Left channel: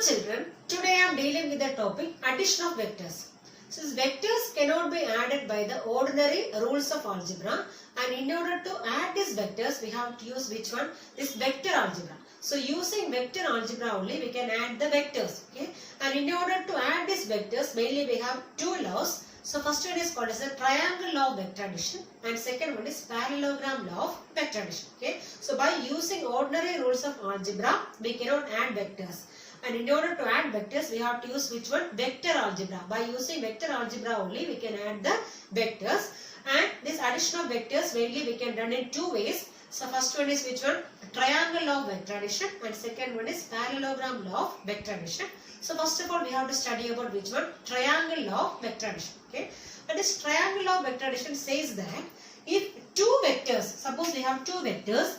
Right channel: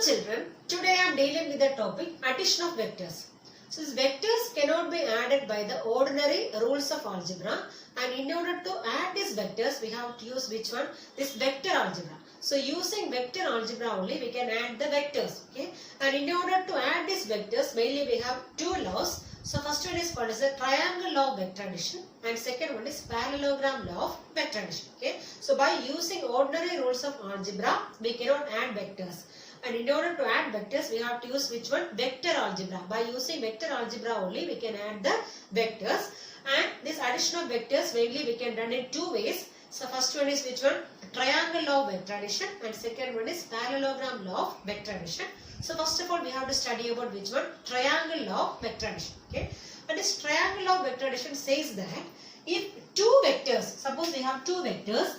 children, today I am dealing with the topic addition of vectors. Since vectors cannot be added by the ordinary rules of algebra, and in order to add these vectors we have to use which one? This vector algebra. So using vector algebra only we can add the vectors. Okay? And in order to add these vectors mainly we have two laws. So first one is called as the triangle law of vector addition, and second one is parallelogram law of vector addition. Okay? So by using ordinary rules of algebra we cannot add vectors. And in order to add vectors, we have to use which one? Vector algebra. By using vector algebra only, we can add the vectors. And this addition of vectors, mainly we can run in two ways. So first one is which one? Triangle law of vector addition. And second one is parallelogram law of vector addition. So first of all, we have to study about which one? Triangle law of vector addition. Okay. And this triangle law of vector addition says that if two vectors, suppose we have two vectors.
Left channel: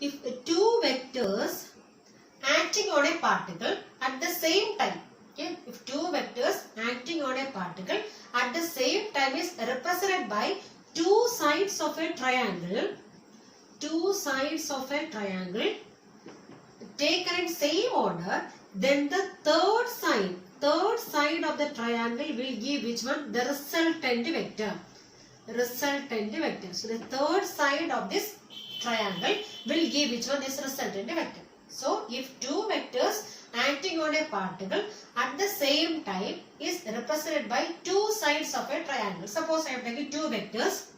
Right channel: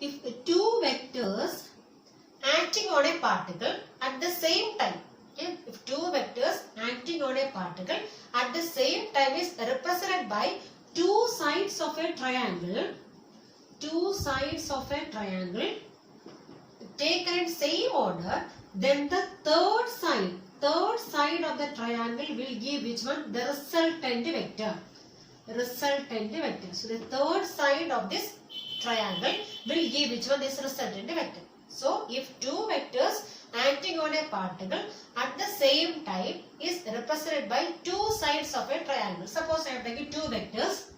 If two vectors acting on a particle at the same time, okay, if two vectors acting on a particle at the same time is represented by two sides of a triangle, taken in same order, then the third side of the triangle will give which one? The resultant vector. So the third side of this triangle will give which one? This resultant vector. So, if two vectors acting on a particle at the same time is represented by two sides of a triangle. Suppose I am taking two vectors.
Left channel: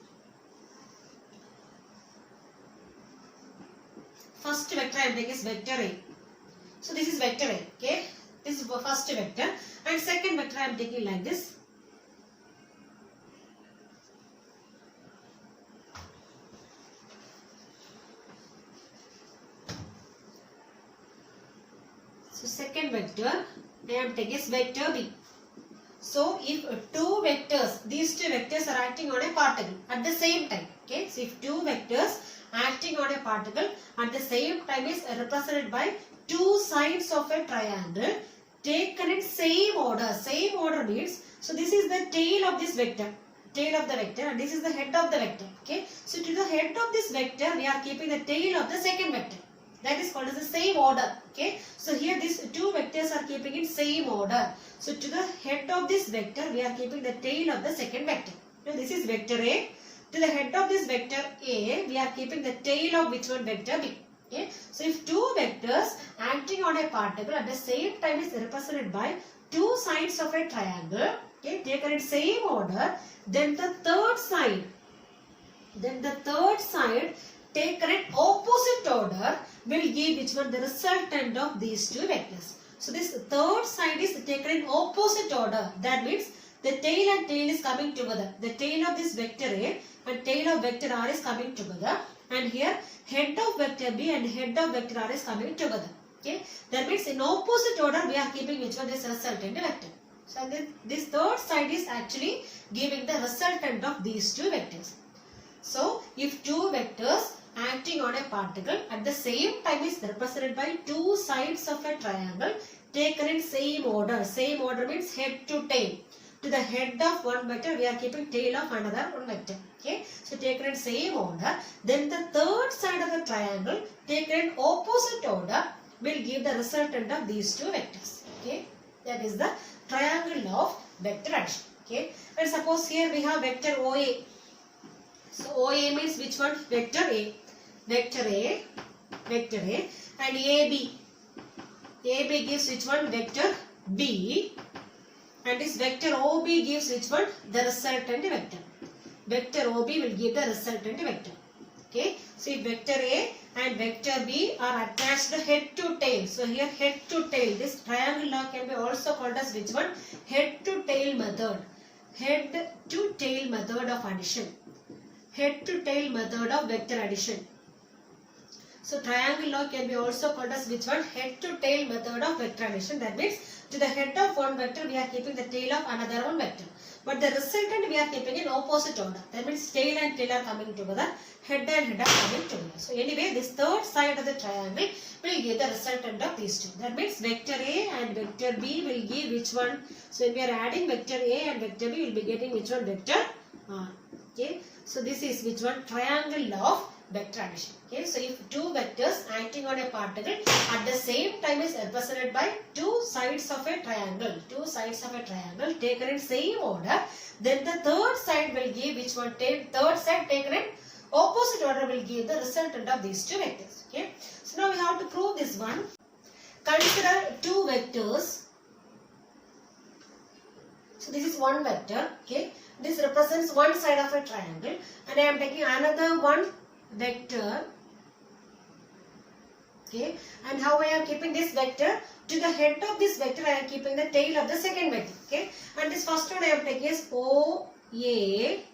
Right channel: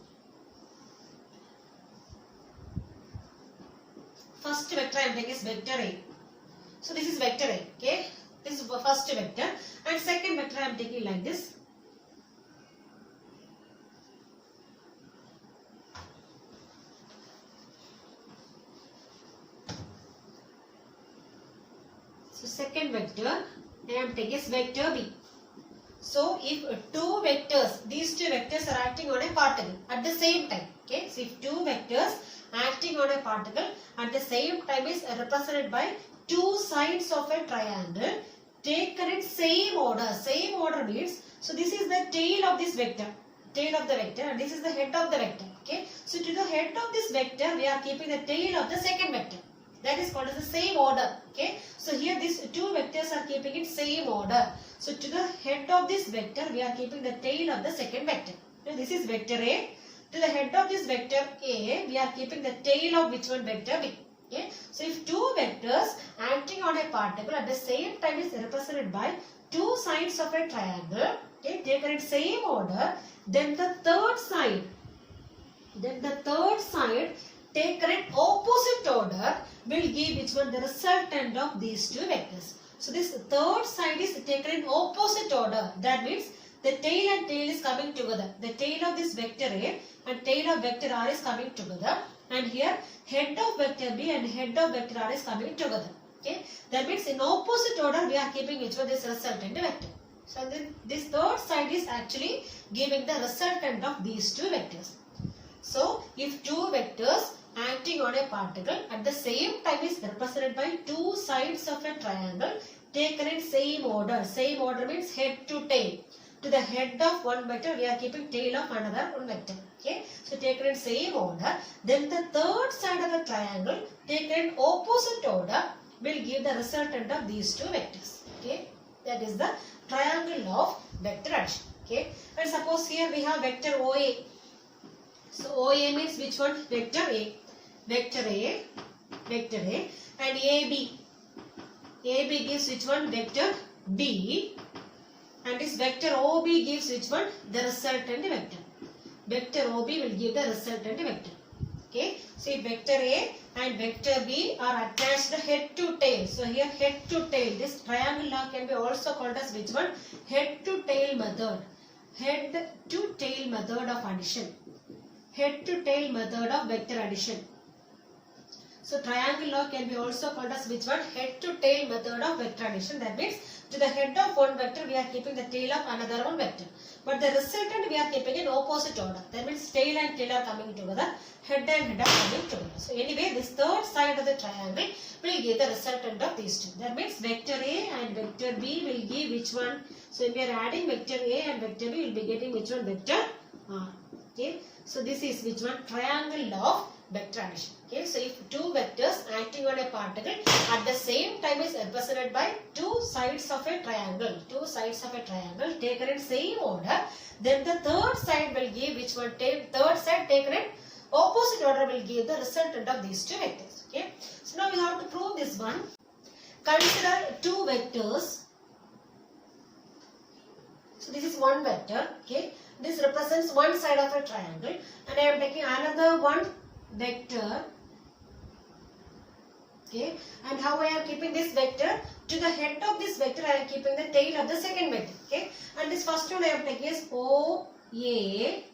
First vector I am taking is vector A. So, this is vector A. Okay. This is the first vector. And second vector I am taking like this. So second vector I am taking is vector B. So if two vectors, these two vectors are acting on a particle at the same time. Okay. So if two vectors acting on a particle at the same time is represented by two sides of a triangle taken in same order. Same order means, so this is the tail of this vector. Tail of the vector, and this is the head of the vector. Okay. So to the head of this vector we are keeping the tail of the second vector. That is called as the same order. Okay. So here these two vectors are keeping in same order. So to the head of this vector we are keeping the tail of the second vector. Now this is vector A. To the head of this vector A we are keeping the tail of which one? Vector B. Okay. So if two vectors acting on a particle at the same time is represented by two sides of a triangle, okay, taken in same order, then the third side taken in opposite order will give which one? The resultant of these two vectors. So this third side is taken in opposite order. That means the tail and tail is coming together. The tail of this vector A and tail of vector R is coming together. And here head of vector B and head of vector R is coming together. Okay. That means in opposite order we are keeping which one? This resultant vector. So then this third side is actually giving the resultant of these two vectors. So if two vectors acting on a particle at the same time is represented by two sides of a triangle taken in same order. Same order means head to tail. To the head of one vector we are keeping tail of another one vector. Okay. So taken in same order. Then the third side of the triangle taken in opposite order will give the resultant of these two vectors. Okay. That is the triangle law of vector addition. Okay. And suppose here we have vector OA. So OA means which one? Vector A. Vector A and AB. AB gives which one? Vector B. And this vector OB gives which one? The resultant vector. Vector OB will give the resultant vector. Okay. So if vector A and vector B are attached head to tail. So here head to tail. This triangle law can be also called as which one? Head to tail method. Head to tail method of addition. Head to tail method of vector addition. So triangle law can be also called as which one? Head to tail method of vector addition. That means to the head of one vector we are keeping the tail of another one vector. But the resultant we are keeping in opposite order. That means tail and tail are coming together. Head and head are coming together. So anyway this third side of the triangle will give the resultant of these two. That means vector A and vector B will give which one? So when we are adding vector A and vector B we will be getting which one? Vector R. Okay. So this is which one? Triangle law of vector addition. Okay, so if two vectors acting on a particle at the same time is represented by two sides of a triangle, taken in same order, then the third side will give which one? Third side taken in opposite order will give the resultant of these two vectors. Okay, so now we have to prove this one. Consider two vectors. So this is one vector. Okay, this represents one side of a triangle, and I am taking another one vector. Okay, and how I am keeping this vector? To the head of this vector I am keeping the tail of the second vector. Okay, and this first one I am taking is OA,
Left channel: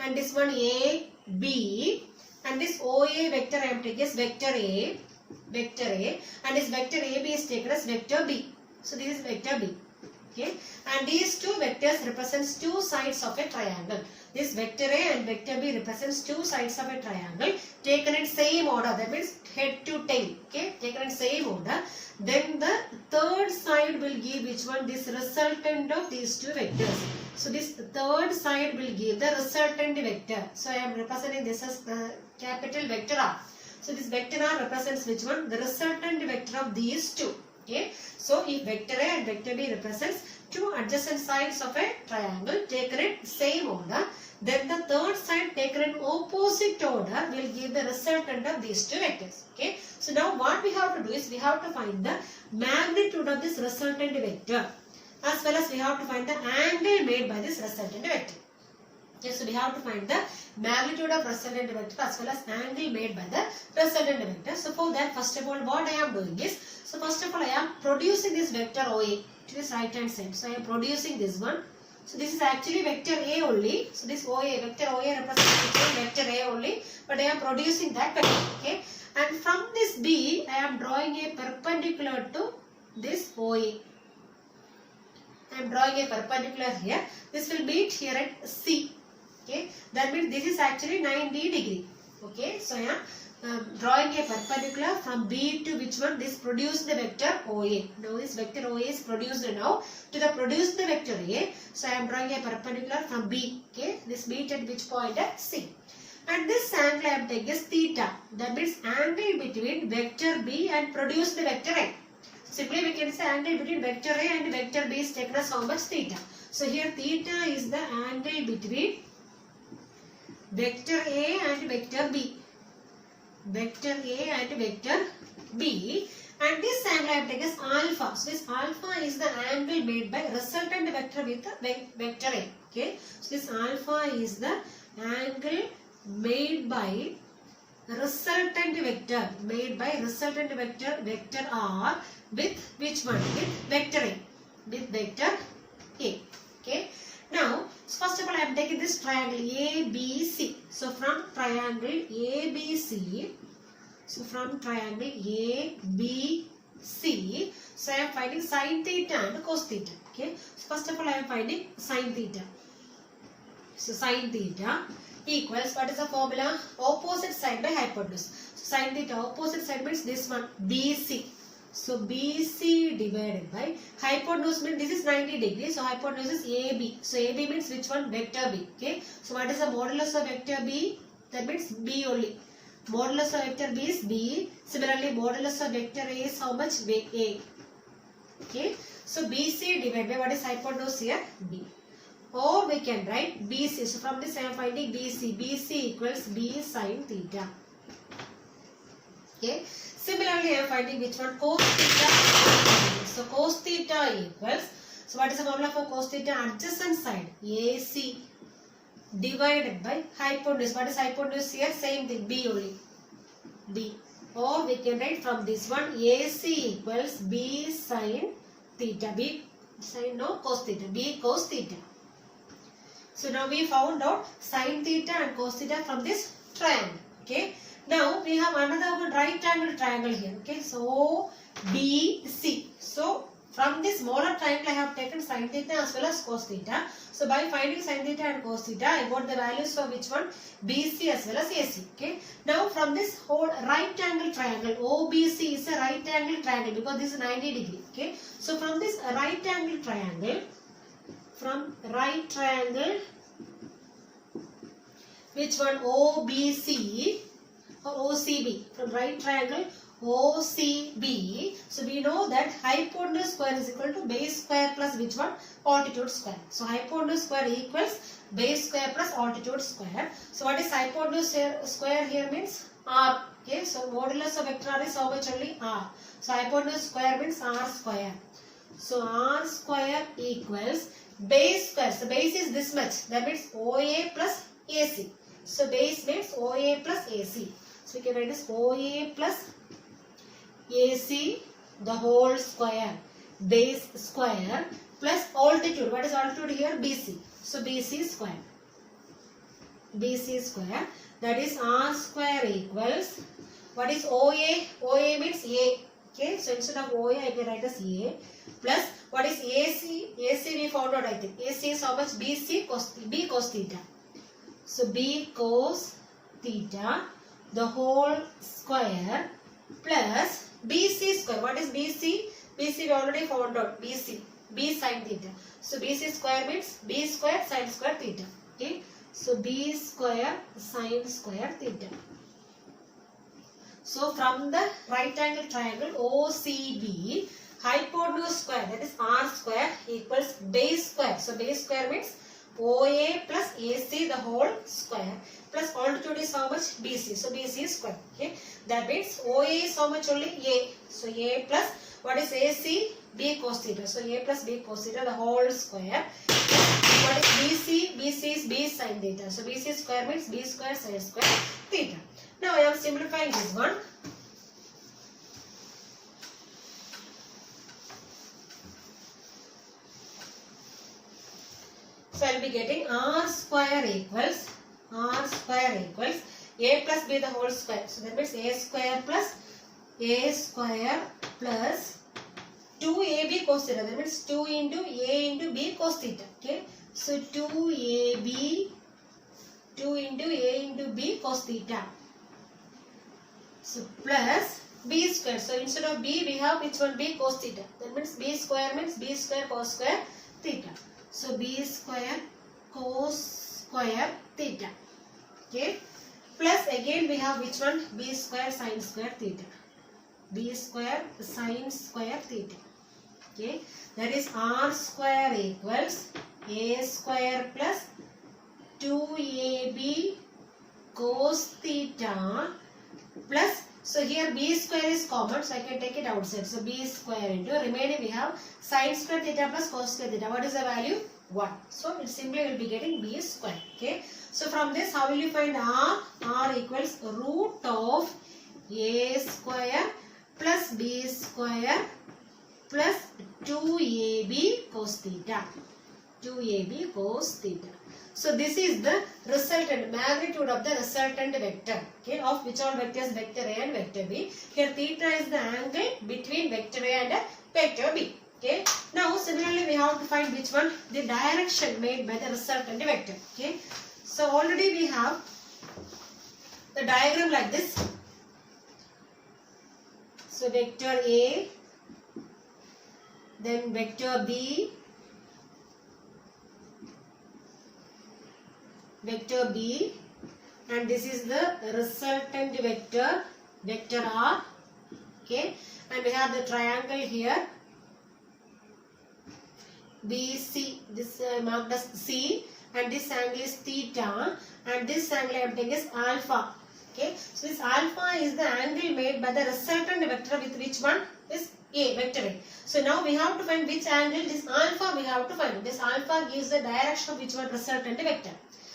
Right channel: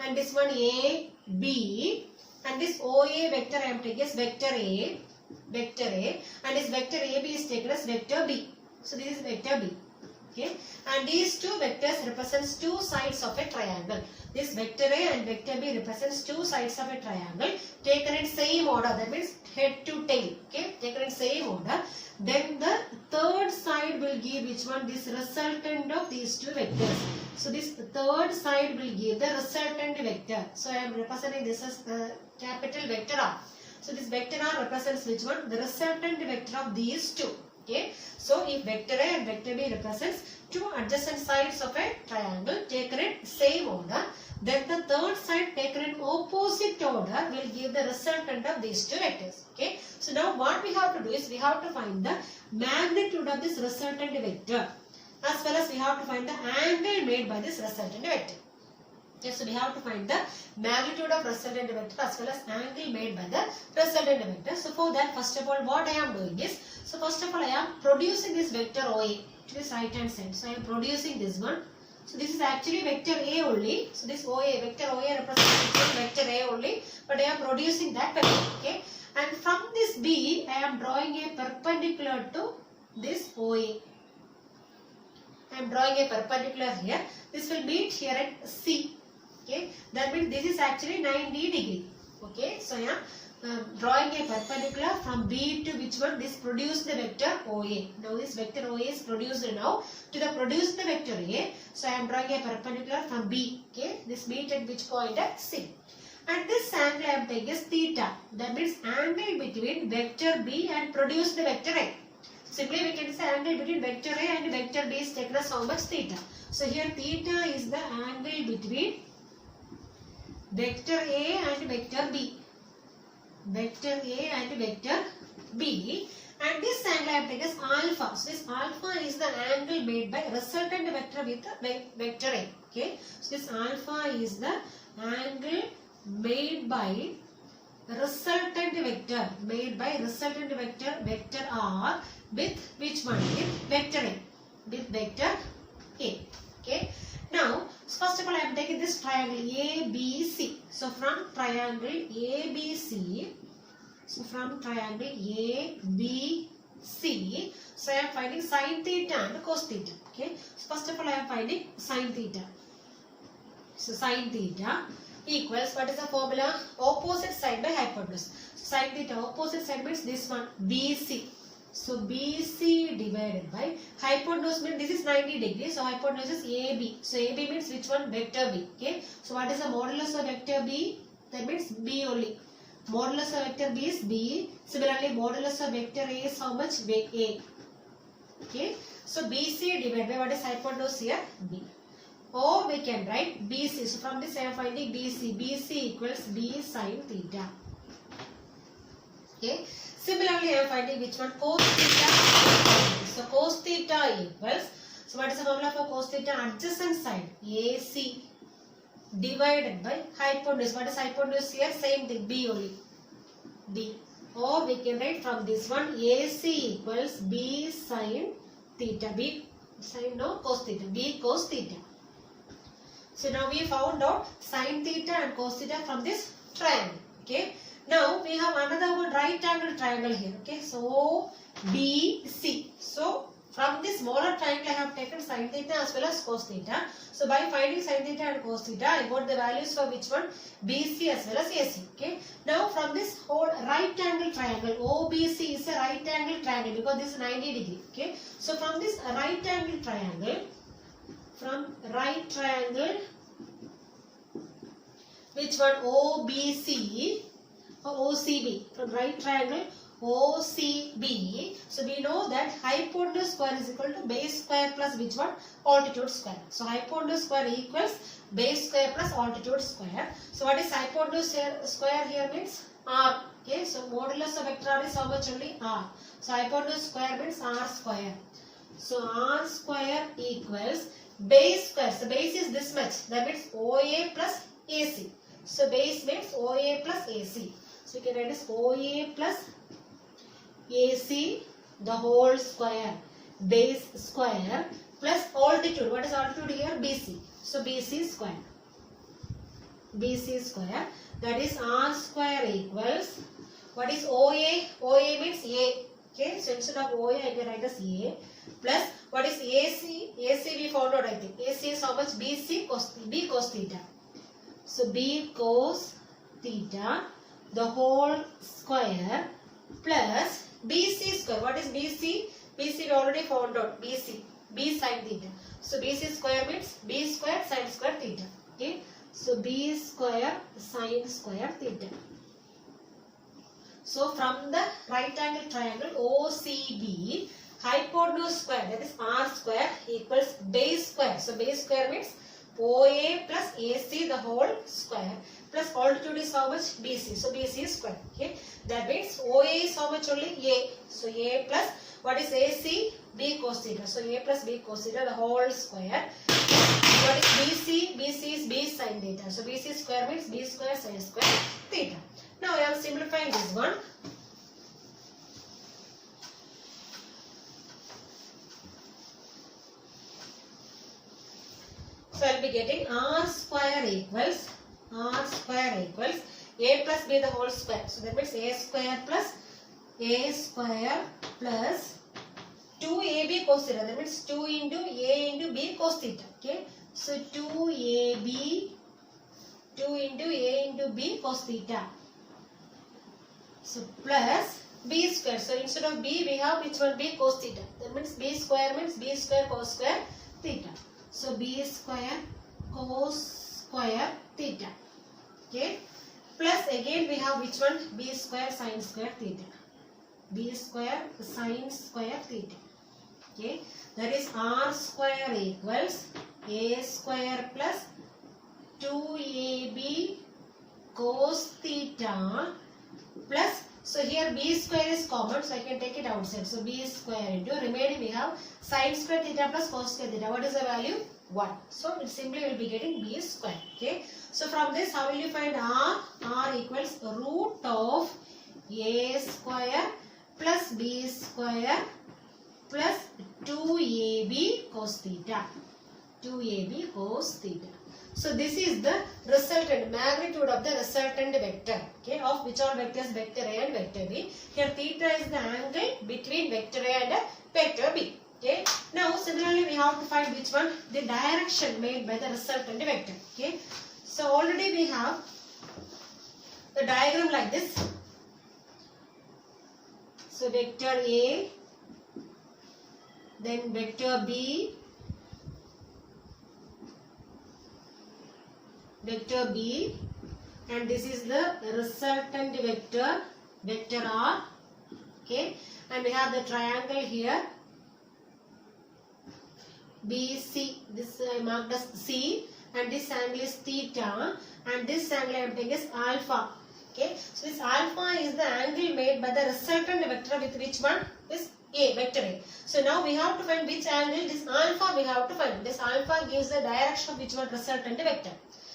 and this one AB, and this OA vector I am taking is vector A, and this vector AB is taken as vector B. So this is vector B. Okay, and these two vectors represents two sides of a triangle. This vector A and vector B represents two sides of a triangle taken in same order. That means head to tail. Okay, taken in same order. Then the third side will give which one? This resultant of these two vectors. So this third side will give the resultant vector. So I am representing this as the capital vector R. So this vector R represents which one? The resultant vector of these two. Okay, so if vector A and vector B represents two adjacent sides of a triangle taken in same order, then the third side taken in opposite order will give the resultant of these two vectors. Okay, so now what we have to do is we have to find the magnitude of this resultant vector, as well as we have to find the angle made by this resultant vector. Okay, so we have to find the magnitude of resultant vector as well as angle made by the resultant vector. So for that, first of all, what I am doing is, so first of all I am producing this vector OA to this right hand side. So I am producing this one. So this is actually vector A only. So this OA, vector OA represents vector A only, but I am producing that vector. Okay, and from this B I am drawing a perpendicular to this OA. I am drawing a perpendicular here. This will meet here at C. Okay, that means this is actually 90 degree. Okay, so I am drawing a perpendicular from B to which one? This produced the vector OA. Now this vector OA is produced now to the produced vector A. So I am drawing a perpendicular from B. Okay, this meet at which point? At C. And this angle I am taking is theta. That means angle between vector B and produced vector A. Simply we can say angle between vector A and vector B is taken as how much? Theta. So here theta is the angle between vector A and vector B. Vector A and vector B. And this angle I have taken as alpha. So this alpha is the angle made by resultant vector with the vector A. Okay. So this alpha is the angle made by resultant vector. Vector R with which one? With vector A. With vector A. Okay. Now, first of all, I am taking this triangle ABC. So from triangle ABC, so I am finding sin theta and cos theta. Okay. So first of all, I am finding sin theta. So sin theta equals, what is the formula? Opposite side by hypotenuse. So sin theta opposite side means this one BC. So BC divided by hypotenuse means this is 90 degrees. So hypotenuse is AB. So AB means which one? Vector B. Okay. So what is the modulus of vector B? That means B only. Modulus of vector B is B. Similarly, modulus of vector A is how much? A. Okay. So BC divided by what is hypotenuse here? B. Or we can write BC. So from this I am finding BC. BC equals B sin theta. Okay. Similarly, I am finding which one? Cos theta. So cos theta equals, so what is the formula for cos theta? Adjacent side AC divided by hypotenuse. What is hypotenuse here? Same thing, B only. B. Or we can write from this one, AC equals B sin theta. B sin, no, cos theta. B cos theta. So now we found out sin theta and cos theta from this triangle. Okay. Now we have another one right angle triangle here. Okay. So BC. So from this smaller triangle I have taken sin theta as well as cos theta. So by finding sin theta and cos theta, I got the values for which one? BC as well as AC. Okay. Now from this whole right angle triangle, OBC is a right angle triangle because this is 90 degree. Okay. So from this right angle triangle, which one? OBC. OCB, from right triangle OCB. So we know that hypotenuse square is equal to base square plus which one? Altitude square. So hypotenuse square equals base square plus altitude square. So what is hypotenuse square here means? R. Okay, so modulus of vector R is how much only? R. So hypotenuse square means R square. So R square equals base square. So base is this much. That means OA plus AC. So base means OA plus AC. So we can write this OA plus AC the whole square. Base square plus altitude. What is altitude here? BC. So BC square. BC square. That is R square equals. What is OA? OA means A. Okay. So instead of OA I can write as A. Plus what is AC? AC we found out I think. AC is how much? BC cos B cos theta. So B cos theta the whole square plus BC square. What is BC? BC we already found out. BC. B sin theta. So BC square means B square sin square theta. Okay. So B square sin square theta. So from the right angle triangle OCB, hypotenuse square, that is R square, equals base square. So base square means OA plus AC the whole square plus altitude is how much? BC. So BC square. Okay. That means OA is how much only? A. So A plus what is AC? B cos theta. So A plus B cos theta the whole square. What is BC? BC is B sin theta. So BC square means B square sin square theta. Now I am simplifying this one. So I will be getting R square equals A plus B the whole square. So that means A square plus 2AB cos theta. That means 2 into A into B cos theta. Okay. So 2AB 2 into A into B cos theta. So plus B square. So instead of B we have which one? B cos theta. That means B square cos square theta. So B square cos square theta. Okay. Plus again we have which one? B square sin square theta. B square sin square theta. Okay. That is R square equals A square plus 2AB cos theta plus, so here B square is common, so I can take it outside. So B square into remaining we have sin square theta plus cos square theta. What is the value? 1. So it simply will be getting B square. Okay. So from this how will you find R? R equals root of A square plus B square plus 2AB cos theta. 2AB cos theta. So this is the resultant, magnitude of the resultant vector. Okay, of which all vectors? Vector A and vector B. Here theta is the angle between vector A and vector B. Okay. Now similarly we have to find which one? The direction made by the resultant vector. Okay. So already we have the diagram like this. So vector A, then vector B, vector B, and this is the resultant vector, vector R. Okay, and we have the triangle here BC, this marked as C, and this angle is theta, and this angle I am taking is alpha. Okay, so this alpha is the angle made by the resultant vector with which one? Is A, vector A. So now we have to find which angle, this alpha we have to find. This alpha gives the direction of which one? Resultant vector.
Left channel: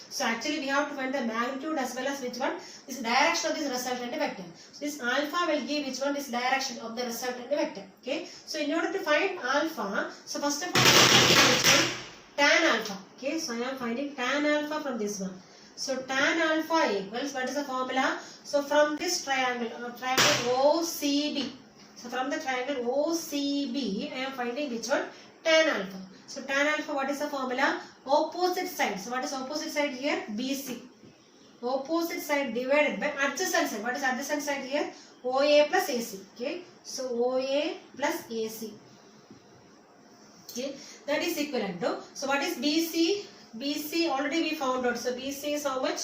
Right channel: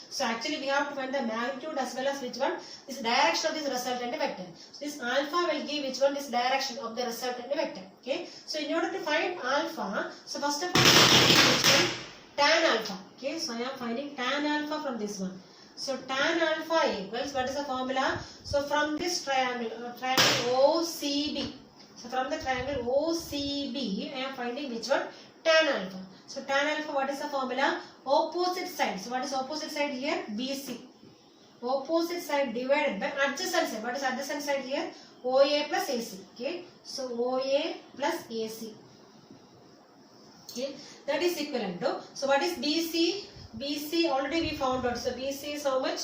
So actually we have to find the magnitude as well as which one? This direction of this resultant vector. So this alpha will give which one? This direction of the resultant vector. Okay. So in order to find alpha, so first of all which one? Tan alpha. Okay. So I am finding tan alpha from this one. So tan alpha equals, what is the formula? So from this triangle, OCB. So from the triangle OCB, I am finding which one? Tan alpha. So tan alpha, what is the formula? Opposite side. So what is opposite side here? BC. Opposite side divided by adjacent side. What is adjacent side here? OA plus AC. Okay. So OA plus AC. Okay. That is equivalent to. So what is BC? BC already we found out. So BC is how much?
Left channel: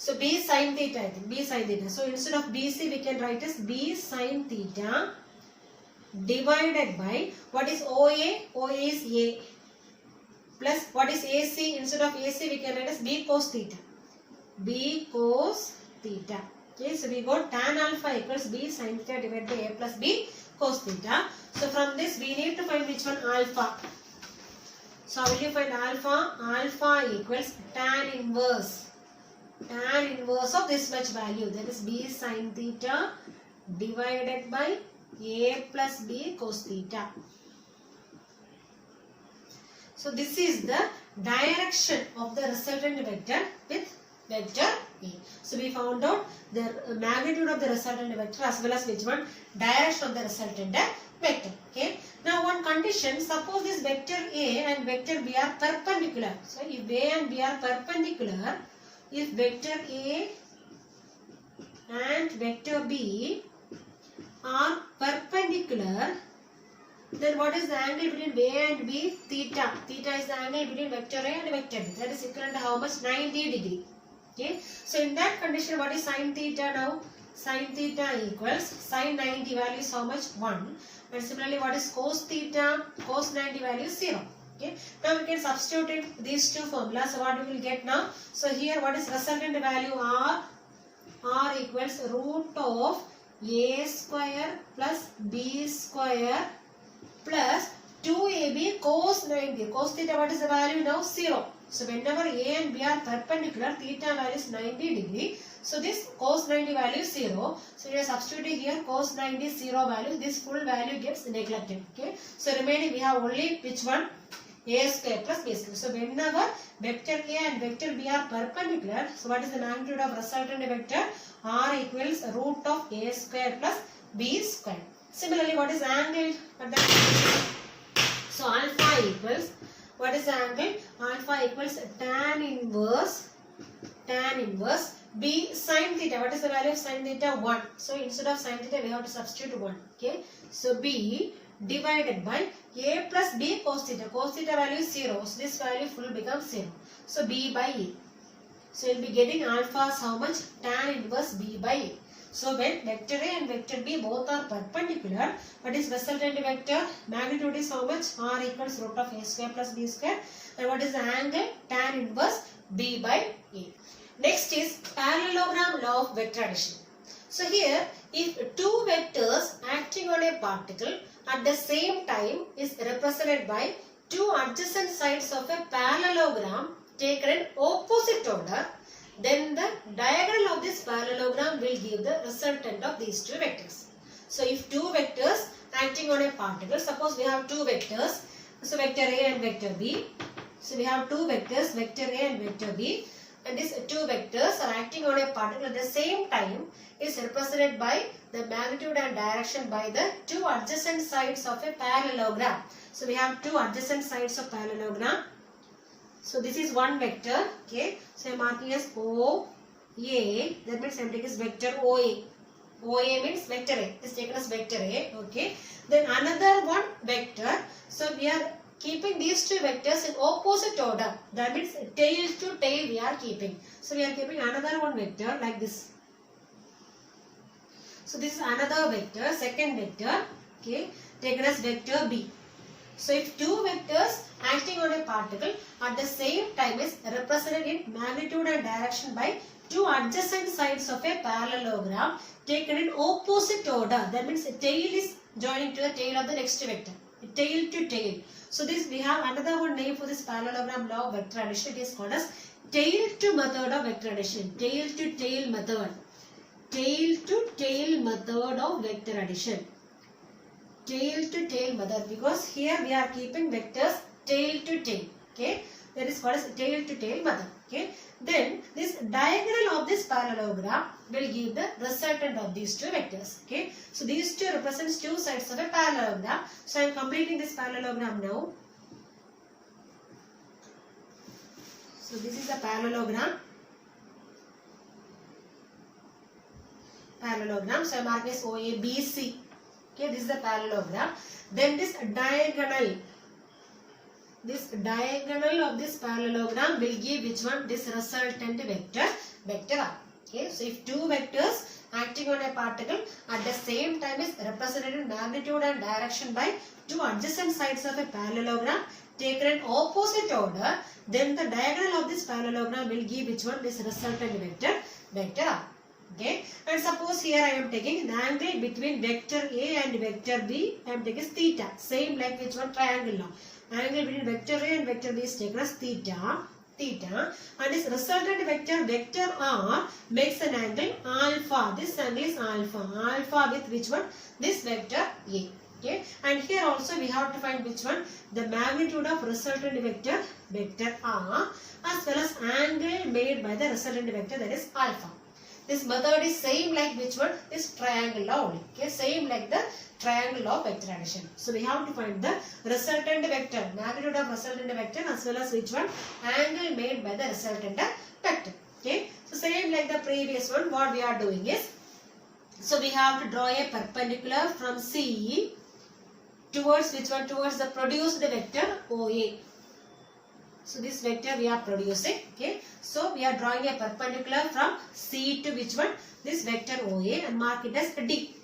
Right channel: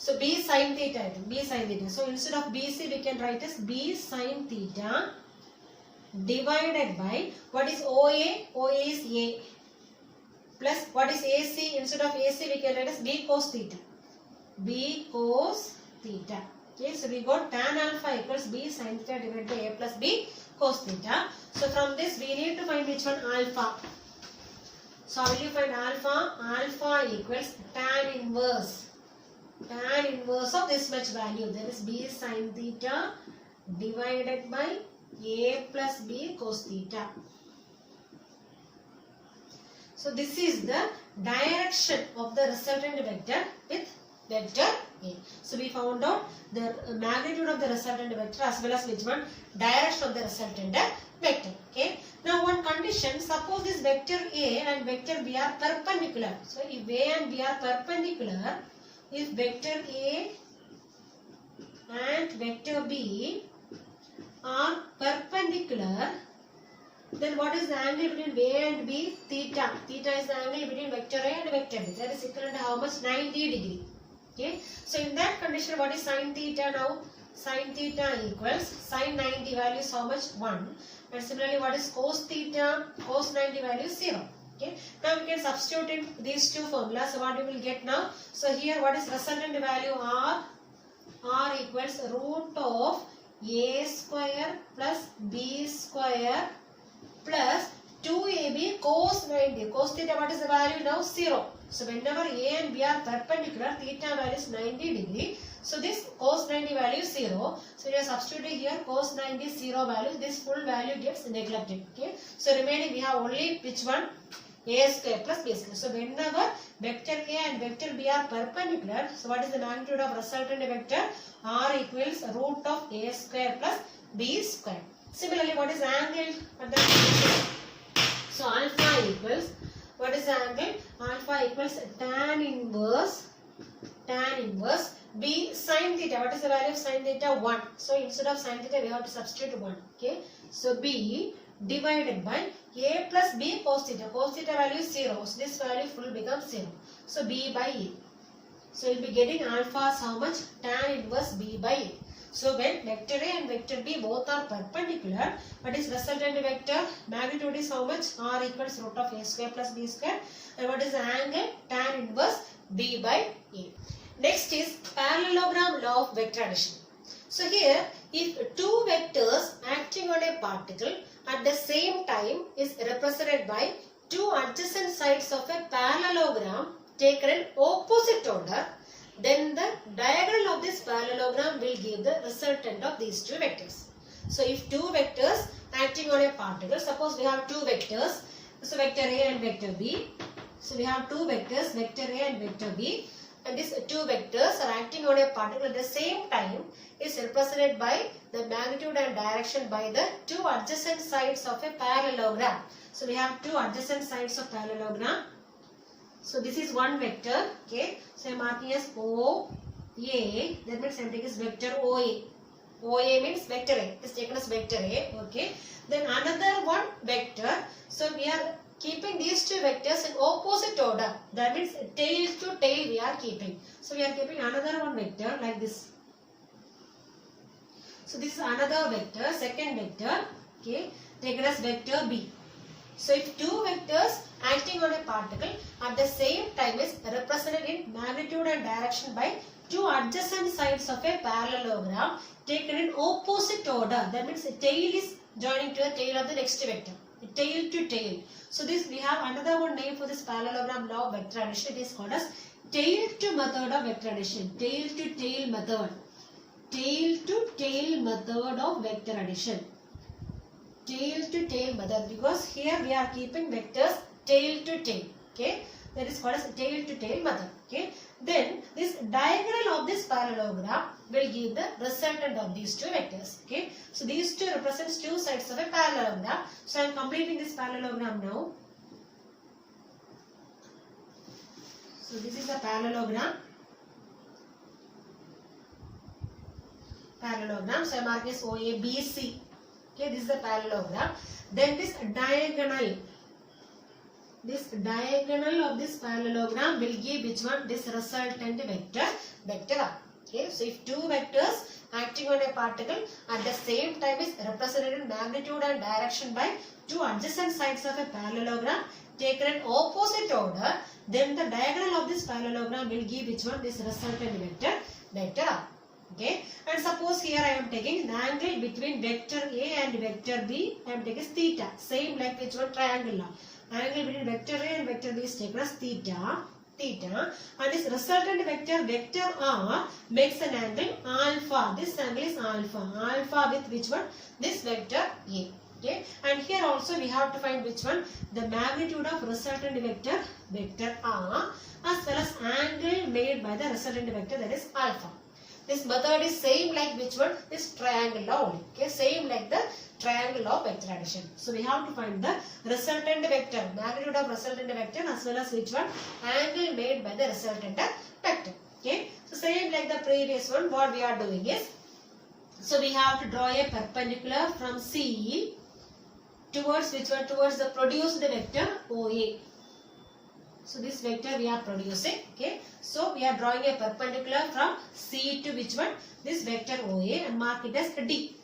So B sin theta, I think. B sin theta. So instead of BC, we can write as B sin theta divided by, what is OA? OA is A. Plus, what is AC? Instead of AC, we can write as B cos theta. B cos theta. Okay, so we got tan alpha equals B sin theta divided by A plus B cos theta. So from this, we need to find which one? Alpha. So how will you find alpha? Alpha equals tan inverse. Tan inverse of this much value, that is B sin theta divided by A plus B cos theta. So this is the direction of the resultant vector with vector A. So we found out the magnitude of the resultant vector as well as which one? Direction of the resultant vector. Okay. Now one condition, suppose this vector A and vector B are perpendicular. So if A and B are perpendicular, if vector A and vector B are perpendicular, then what is the angle between A and B? Theta. Theta is the angle between vector A and vector B. That is equivalent to how much? 90 degree. Okay. So in that condition, what is sin theta now? Sin theta equals sin 90 value is how much? 1. And similarly, what is cos theta? Cos 90 value is 0. Okay. Now we can substitute in these two formulas. So what we will get now? So here what is resultant value? R. R equals root of A square plus B square plus 2AB cos 90. Cos theta, what is the value now? 0. So whenever A and B are perpendicular, theta value is 90 degree. So this cos 90 value is 0. So we are substituting here cos 90 0 value. This full value gets neglected. Okay. So remaining we have only which one? A square plus B square. So whenever vector A and vector B are perpendicular, so what is the magnitude of resultant vector? R equals root of A square plus B square. Similarly, what is the angle at that? So alpha equals, what is the angle? Alpha equals tan inverse B sin theta. What is the value of sin theta? 1. So instead of sin theta, we have to substitute 1. Okay. So B divided by A plus B cos theta. Cos theta value is 0. So this value full becomes 0. So B by A. So you will be getting alpha as how much? Tan inverse B by A. So when vector A and vector B both are perpendicular, what is resultant vector? Magnitude is how much? R equals root of A square plus B square. And what is the angle? Tan inverse B by A. Next is parallelogram law of vector addition. So here, if two vectors acting on a particle at the same time is represented by two adjacent sides of a parallelogram taken in opposite order, then the diagonal of this parallelogram will give the resultant of these two vectors. So if two vectors acting on a particle, suppose we have two vectors, so vector A and vector B. So we have two vectors, vector A and vector B, and these two vectors are acting on a particle at the same time is represented by the magnitude and direction by the two adjacent sides of a parallelogram. So we have two adjacent sides of parallelogram. So this is one vector. Okay. So I am marking as OA. That means I am taking as vector OA. OA means vector A. It is taken as vector A. Okay. Then another one vector. So we are keeping these two vectors in opposite order. That means tail to tail we are keeping. So we are keeping another one vector like this. So this is another vector, second vector. Okay. Taken as vector B. So if two vectors acting on a particle at the same time is represented in magnitude and direction by two adjacent sides of a parallelogram taken in opposite order. That means a tail is joining to the tail of the next vector. Tail to tail. So this we have another one name for this parallelogram law of vector addition. It is called as tail to method of vector addition. Tail to tail method. Tail to tail method of vector addition. Tail to tail method, because here we are keeping vectors tail to tail. Okay, that is called as tail to tail method. Okay, then this diagonal of this parallelogram will give the resultant of these two vectors. Okay, so these two represents two sides of a parallelogram. So I am completing this parallelogram now. So this is a parallelogram. So I am marking as OABC. Okay, this is the parallelogram. Then this diagonal of this parallelogram will give which one? This resultant vector. vector R. Okay, so if two vectors acting on a particle at the same time is represented in magnitude and direction by two adjacent sides of a parallelogram taken in opposite order, then the diagonal of this parallelogram will give which one? This resultant vector R. Okay, and suppose here I am taking an angle between vector A and vector B. I am taking theta, same like which one? Triangle now. Angle between vector A and vector B is taken as theta, and this resultant vector R makes an angle alpha. This angle is alpha with which one? This vector A. Okay, and here also we have to find which one? The magnitude of resultant vector R, as well as angle made by the resultant vector, that is alpha. This method is same like which one? This triangle law only. Okay, same like the triangle law of vector addition. So we have to find the resultant vector, magnitude of resultant vector, as well as which one? Angle made by the resultant vector. Okay, so same like the previous one, what we are doing is, so we have to draw a perpendicular from C towards which one? Towards the produced vector OA. So this vector we are producing. Okay, so we are drawing a perpendicular from C to which one? This vector OA, and mark it as D.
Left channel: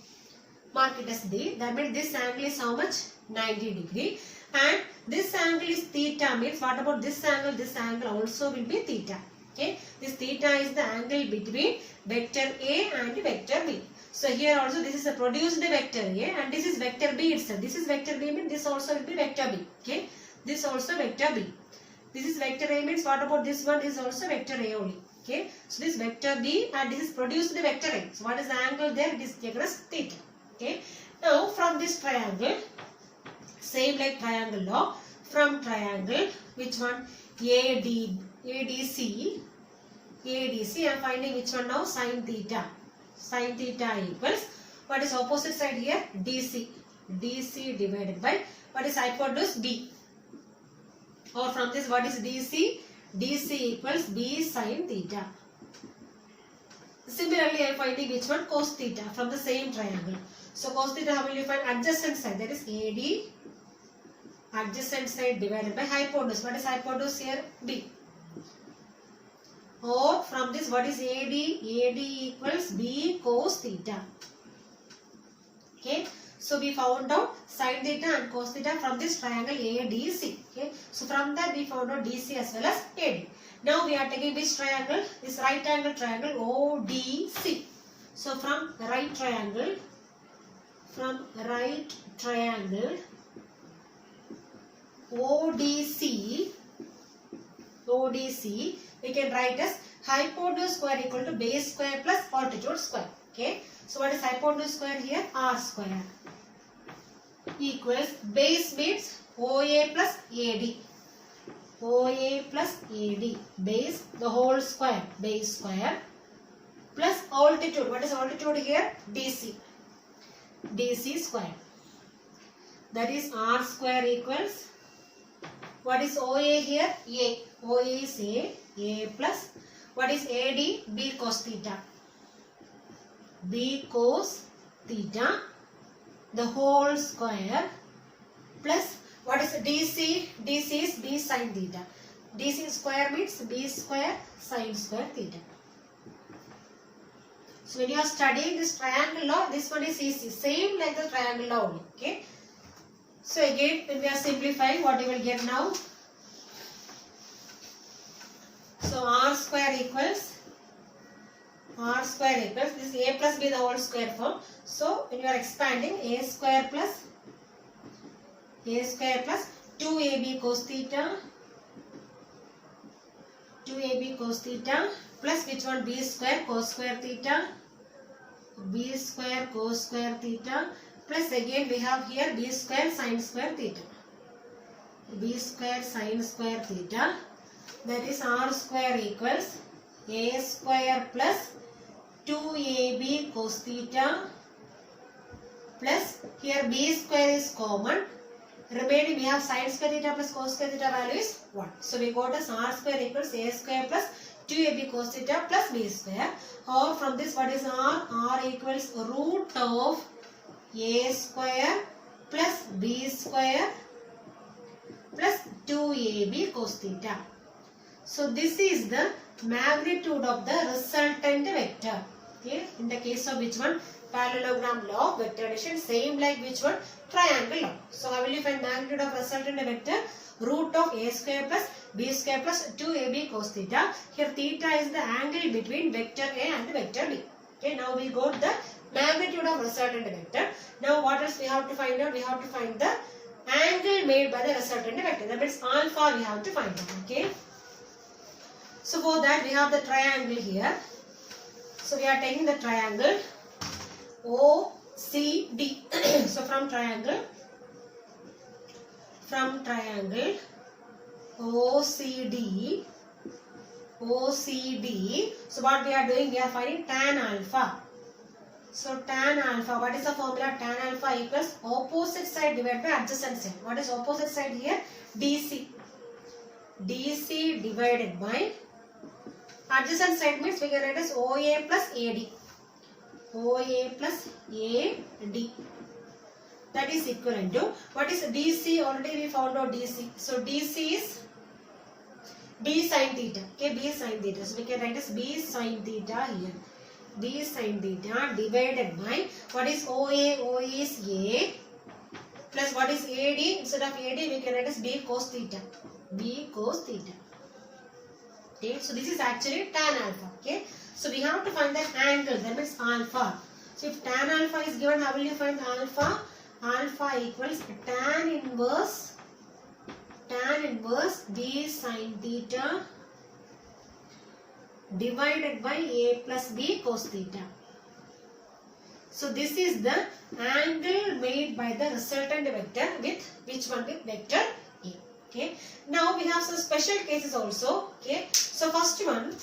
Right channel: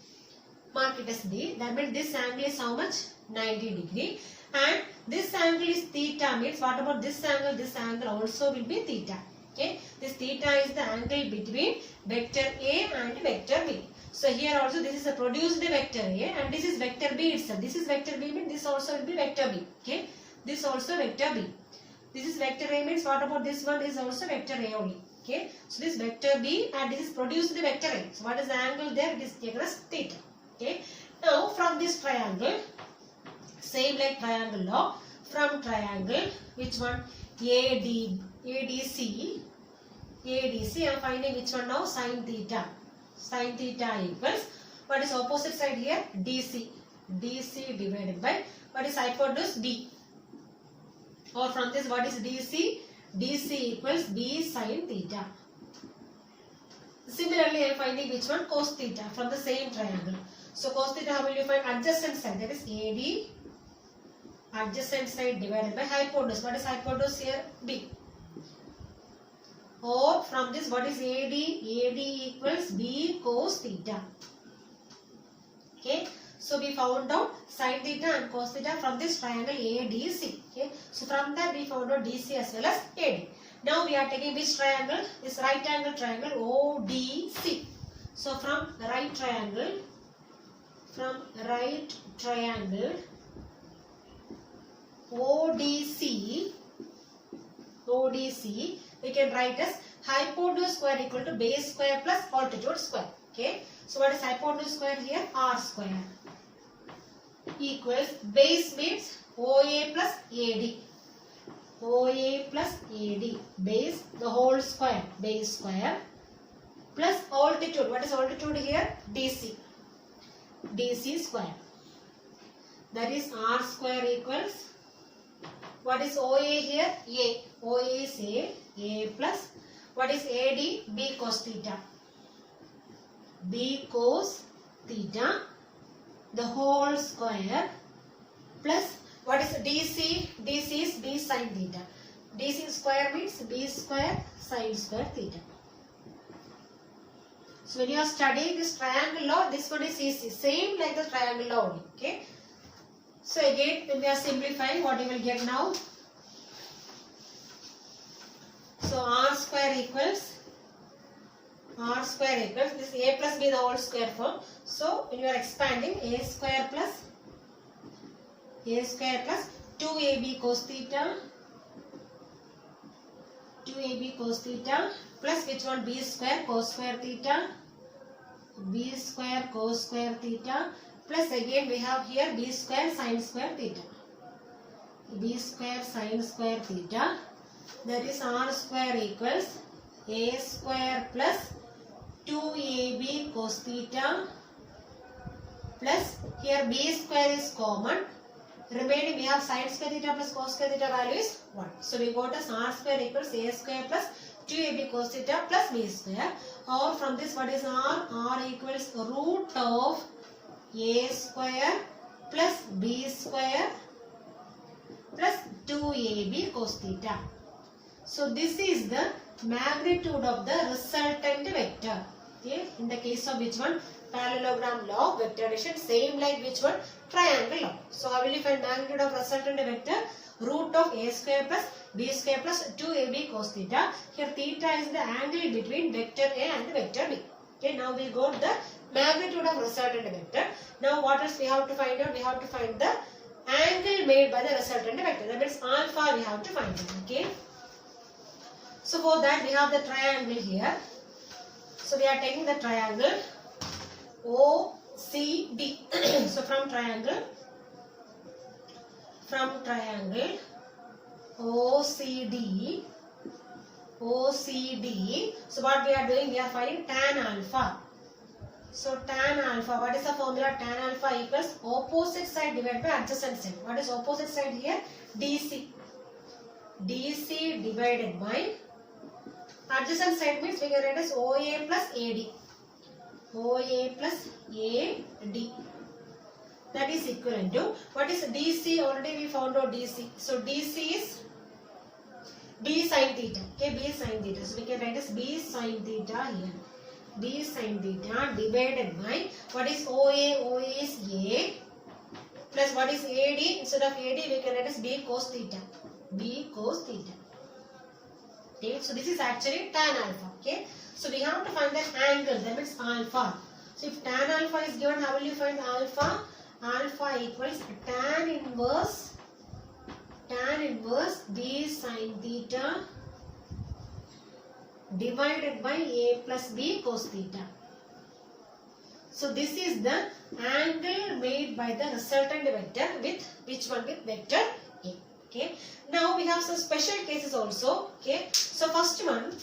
Mark it as D. That means this angle is how much? 90 degree. And this angle is theta, means what about this angle? This angle also will be theta. Okay, this theta is the angle between vector A and vector B. So here also this is a produced vector A, and this is vector B itself. This is vector B, means this also will be vector B. Okay, this also vector B. This is vector A, means what about this one? Is also vector A only. Okay, so this vector B, and this is produced the vector A. So what is the angle there? It is taken as theta. Okay, now from this triangle, same like triangle law, from triangle, which one? ADC, I am finding which one now? Sin theta. Sin theta equals, what is opposite side here? DC divided by, what is hypotenuse? B. Or from this, what is DC? DC equals B sin theta. Similarly, I am finding which one? Cos theta from the same triangle. So cos theta, how will you find? Adjacent side, that is AD, adjacent side divided by hypotenuse. What is hypotenuse here? B. Or from this, what is AD? AD equals B cos theta. Okay, so we found out sin theta and cos theta from this triangle ADC. Okay, so from that we found out DC as well as AD. Now we are taking which triangle? This right angle triangle ODC. So from right triangle, ODC, we can write as hypotenuse square equal to base square plus altitude square. Okay, so what is hypotenuse square here? R square equals base means OA plus AD. OA plus AD, base the whole square, base square, plus altitude. What is altitude here? DC. DC square. That is R square equals, what is OA here? A. OA is A plus, what is AD? B cos theta. B cos theta, the whole square, plus what is DC? DC is B sin theta. DC square means B square sin square theta. So when you are studying this triangle law, this one is easy, same like the triangle law only. Okay. So again, when we are simplifying, what you will get now? So R square equals, this A plus B the whole square form. So when you are expanding, A square plus 2AB cos theta, plus which one? B square cos square theta, plus again we have here B square sin square theta. That is R square equals A square plus 2AB cos theta, plus here B square is common. Remaining we have sin square theta plus cos square theta value is 1. So we got as R square equals A square plus 2AB cos theta plus B square. Or from this, what is R? R equals root of A square plus B square plus 2AB cos theta. So this is the magnitude of the resultant vector. Okay, in the case of which one? Parallelogram law of vector addition, same like which one? Triangle law. So how will you find magnitude of resultant vector? Root of a square plus b square plus 2ab cos theta. Here theta is the angle between vector A and vector B. Okay, now we got the magnitude of resultant vector. Now what else we have to find out? We have to find the angle made by the resultant vector. That means alpha we have to find out. Okay. So for that we have the triangle here. So we are taking the triangle OCD. So from triangle OCD. So what we are doing? We are finding tan alpha. So tan alpha, what is the formula? Tan alpha equals opposite side divided by adjacent side. What is opposite side here? DC. DC divided by adjacent side means we can write as OA plus AD. OA plus AD. That is equivalent to, what is DC? Already we found out DC. So DC is B sin theta. Okay, B sin theta. So we can write as B sin theta here. B sin theta divided by, what is OA? OA is A plus what is AD? Instead of AD we can write as B cos theta. B cos theta. Okay, so this is actually tan alpha. Okay, so we have to find the angle, that means alpha. So if tan alpha is given, how will you find alpha? Alpha equals tan inverse B sin theta divided by A plus B cos theta. So this is the angle made by the resultant vector with which one? With vector A. Okay. Now we have some special cases also. Okay. So first one,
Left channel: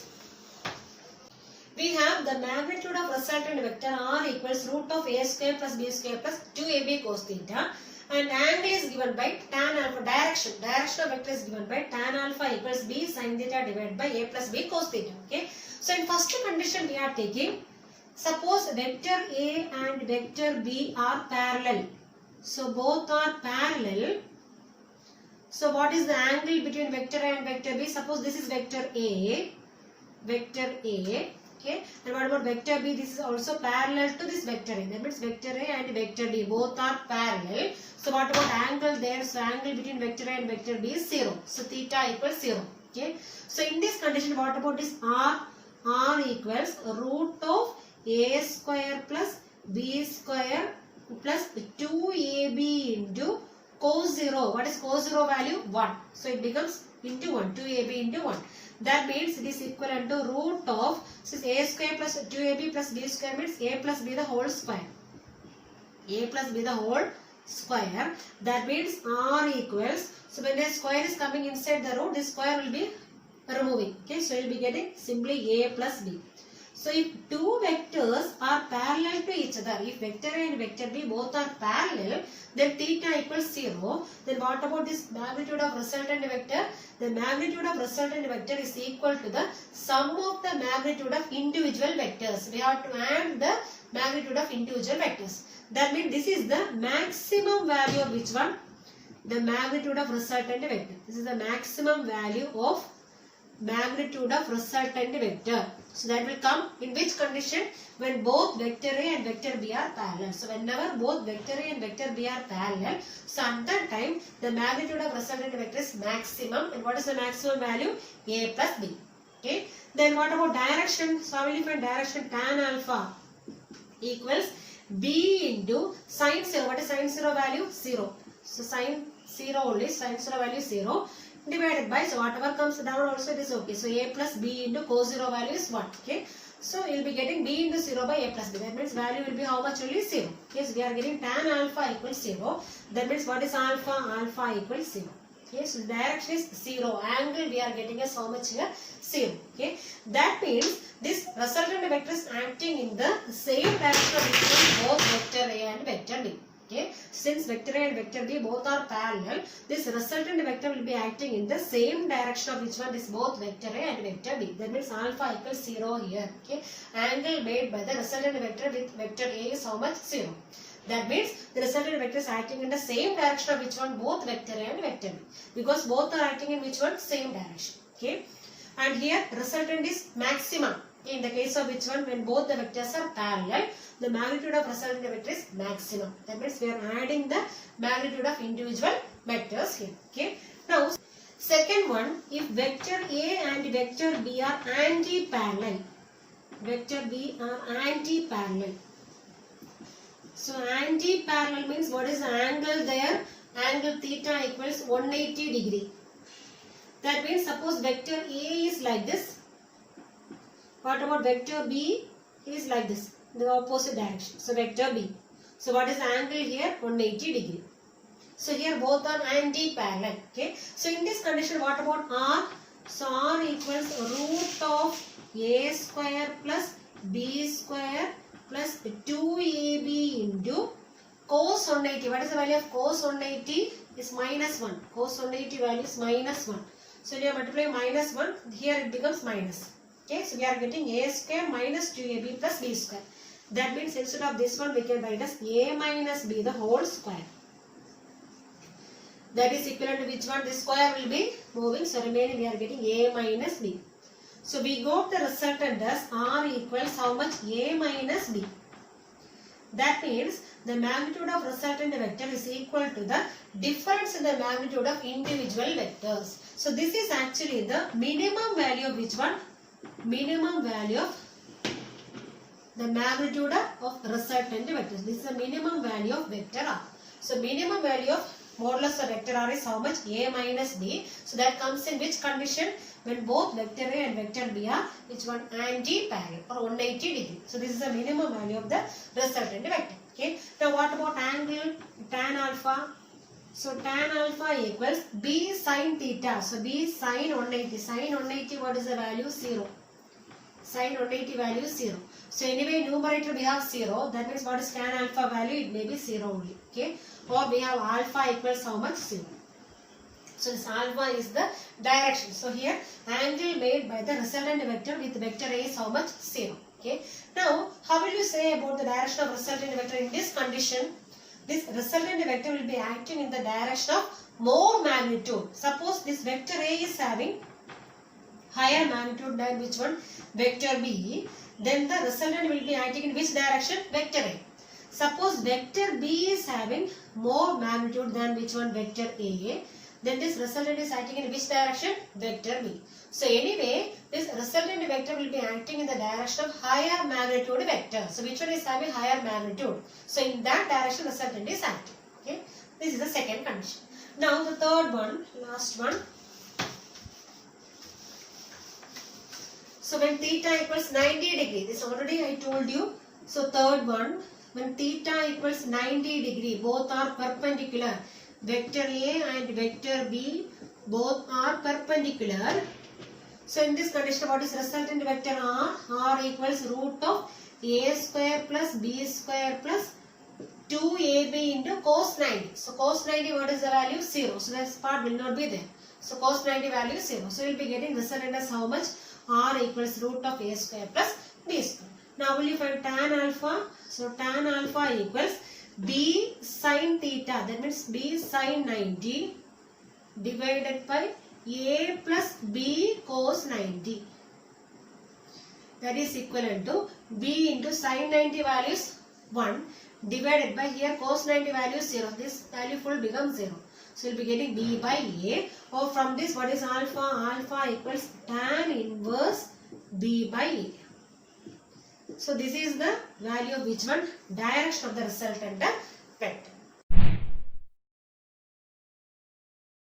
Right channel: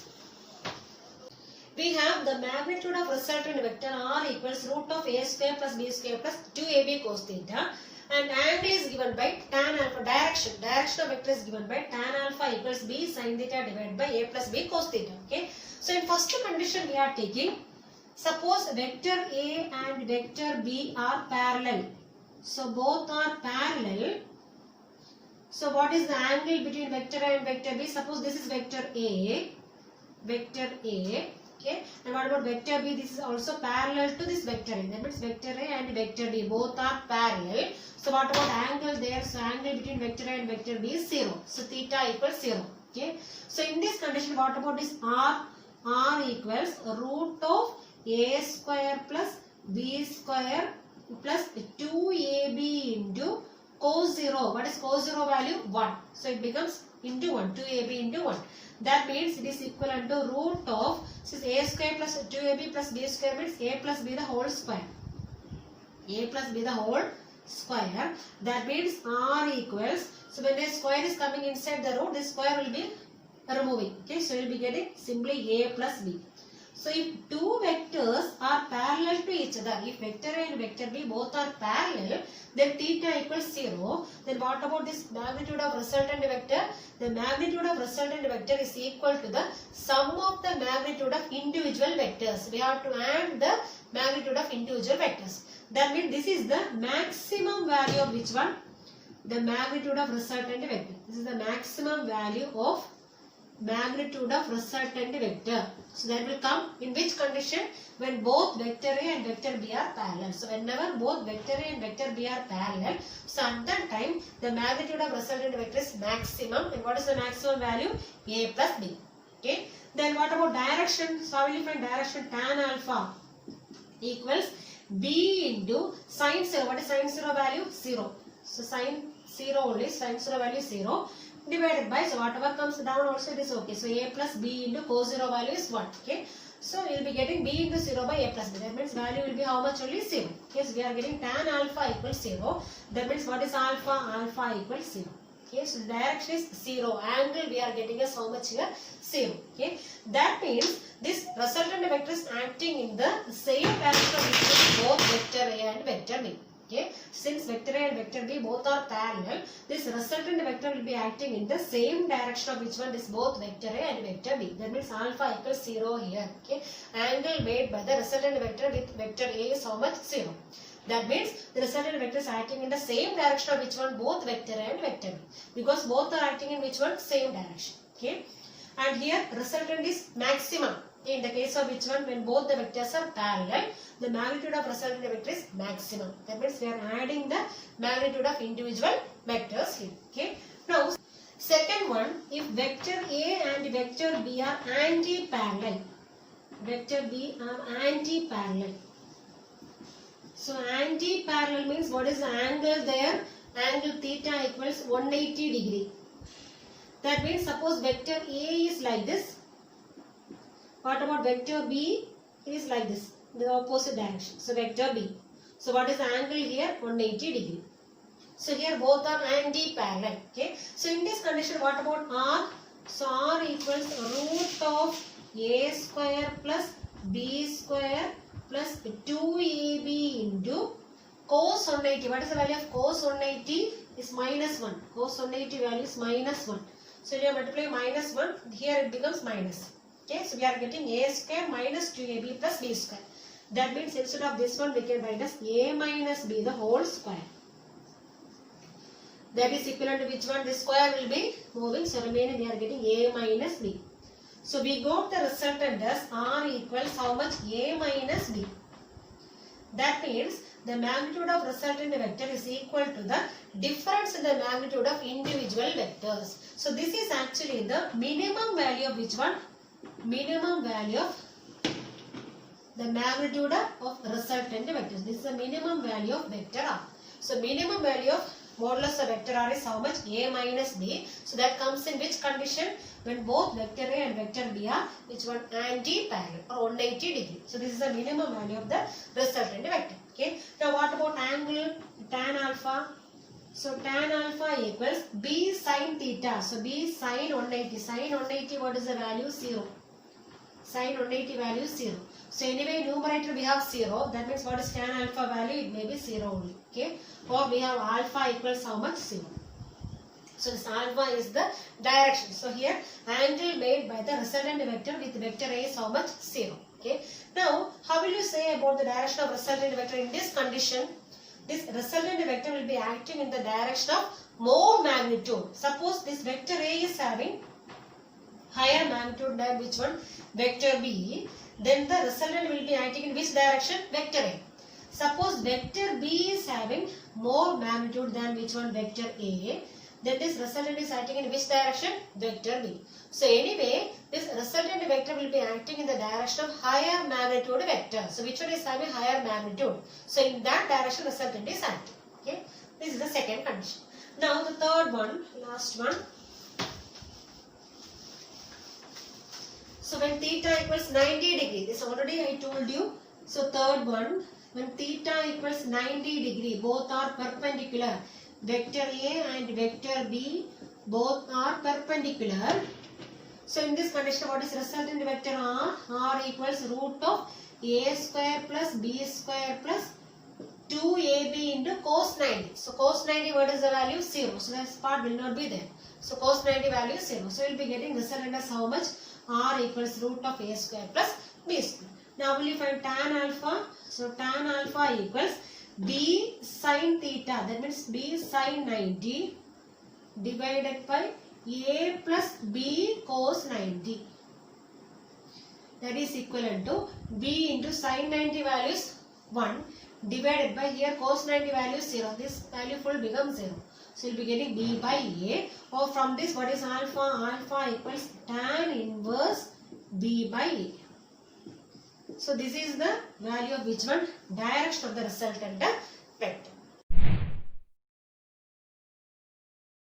we have the magnitude of resultant vector R equals root of A square plus B square plus 2AB cos theta, and angle is given by tan alpha. Direction of vector is given by tan alpha equals B sin theta divided by A plus B cos theta. Okay. So in first condition we are taking, suppose vector A and vector B are parallel. So both are parallel. So what is the angle between vector A and vector B? Suppose this is vector A. Okay, and what about vector B? This is also parallel to this vector A. That means vector A and vector B both are parallel. So what about angle there? So angle between vector A and vector B is 0. So theta equals 0. Okay. So in this condition, what about this R? R equals root of A square plus B square plus 2AB into cos 0. What is cos 0 value? 1. So it becomes into 1. 2AB into 1. That means it is equivalent to root of, since A square plus 2AB plus B square means A plus B the whole square. A plus B the whole square. That means R equals, so when the square is coming inside the root, this square will be removing. Okay, so you will be getting simply A plus B. So if two vectors are parallel to each other, if vector A and vector B both are parallel, then theta equals 0. Then what about this magnitude of resultant vector? The magnitude of resultant vector is equal to the sum of the magnitude of individual vectors. We have to add the magnitude of individual vectors. That means this is the maximum value of which one? The magnitude of resultant vector. This is the maximum value of magnitude of resultant vector. So that will come in which condition? When both vector A and vector B are parallel. So whenever both vector A and vector B are parallel, so at that time the magnitude of resultant vector is maximum. And what is the maximum value? A plus B. Okay. Then what about direction? So how will you find direction? Tan alpha equals B into sin 0. What is sin 0 value? 0. So sin 0 only, sin 0 value 0. Divided by, so whatever comes down also it is okay. So A plus B into cos 0 value is 1. Okay. So you will be getting B into 0 by A plus B. That means value will be how much? Only 0. Okay. So we are getting tan alpha equals 0. That means what is alpha? Alpha equals 0. Okay. So the direction is 0. Angle we are getting as how much here? 0. Okay. That means this resultant vector is acting in the same direction between both vector A and vector B. Okay. Since vector A and vector B both are parallel, this resultant vector will be acting in the same direction of which one? This both vector A and vector B. That means alpha equals 0 here. Okay. Angle made by the resultant vector with vector A is how much? 0. That means the resultant vector is acting in the same direction of which one? Both vector A and vector B. Because both are acting in which one? Same direction. Okay. and here resultant is maximum. In the case of which one, when both the vectors are parallel, the magnitude of resultant vector is maximum. That means we are adding the magnitude of individual vectors here. Okay. Now, second one, if vector A and vector B are anti-parallel, vector B are anti-parallel. So anti-parallel means what is the angle there? Angle theta equals 180 degree. That means suppose vector A is like this. What about vector B? It is like this, the opposite direction. So vector B. So what is the angle here? 180 degree. So here both are anti-parallel. Okay. So in this condition, what about R? So R equals root of A square plus B square plus 2AB into cos 180. What is the value of cos 180? Is minus 1. Cos 180 value is minus 1. So we are multiplying minus 1. Here it becomes minus. Okay, so we are getting A square minus 2AB plus B square. That means instead of this one, we can write as A minus B the whole square. That is equivalent to which one? This square will be moving. So remaining we are getting A minus B. So we got the resultant as R equals how much? A minus B. That means the magnitude of resultant vector is equal to the difference in the magnitude of individual vectors. So this is actually the minimum value of which one? Minimum value of the magnitude of resultant vectors. This is the minimum value of vector R. So minimum value of modulus of vector R is how much? A minus B. So that comes in which condition? When both vector A and vector B are which one? Anti-parallel or 180 degree. So this is the minimum value of the resultant vector. Okay. Now what about angle tan alpha? So tan alpha equals B sin theta. So B sin 180. Sin 180 what is the value? 0. Sin 180 value is 0. So anyway numerator we have 0. That means what is tan alpha value? It may be 0 only. Okay. Or we have alpha equals how much? 0. So this alpha is the direction. So here angle made by the resultant vector with vector A is how much? 0. Okay. Now how will you say about the direction of resultant vector in this condition? This resultant vector will be acting in the direction of more magnitude. Suppose this vector A is having higher magnitude than which one? Vector B. Then the resultant will be acting in which direction? Vector A. Suppose vector B is having more magnitude than which one? Vector A. Then this resultant is acting in which direction? Vector B. So anyway, this resultant vector will be acting in the direction of higher magnitude vector. So which one is having higher magnitude? So in that direction resultant is acting. Okay. This is the second condition. Now the third one, last one. So when theta equals 90 degree, this already I told you. So third one, when theta equals 90 degree, both are perpendicular. Vector A and vector B both are perpendicular. So in this condition, what is resultant vector R? R equals root of A square plus B square plus 2AB into cos 90. So cos 90, what is the value? 0. So this part will not be there. So cos 90 value is 0. So we will be getting resultant as how much? R equals root of A square plus B square. Now will you find tan alpha? So tan alpha equals B sin theta. That means B sin 90 divided by A plus B cos 90. That is equivalent to B into sin 90 value is 1 divided by here cos 90 value is 0. This value full becomes 0. So we will be getting B by A. Or from this what is alpha? Alpha equals tan inverse B by A. So this is the value of which one? Direction of the resultant vector.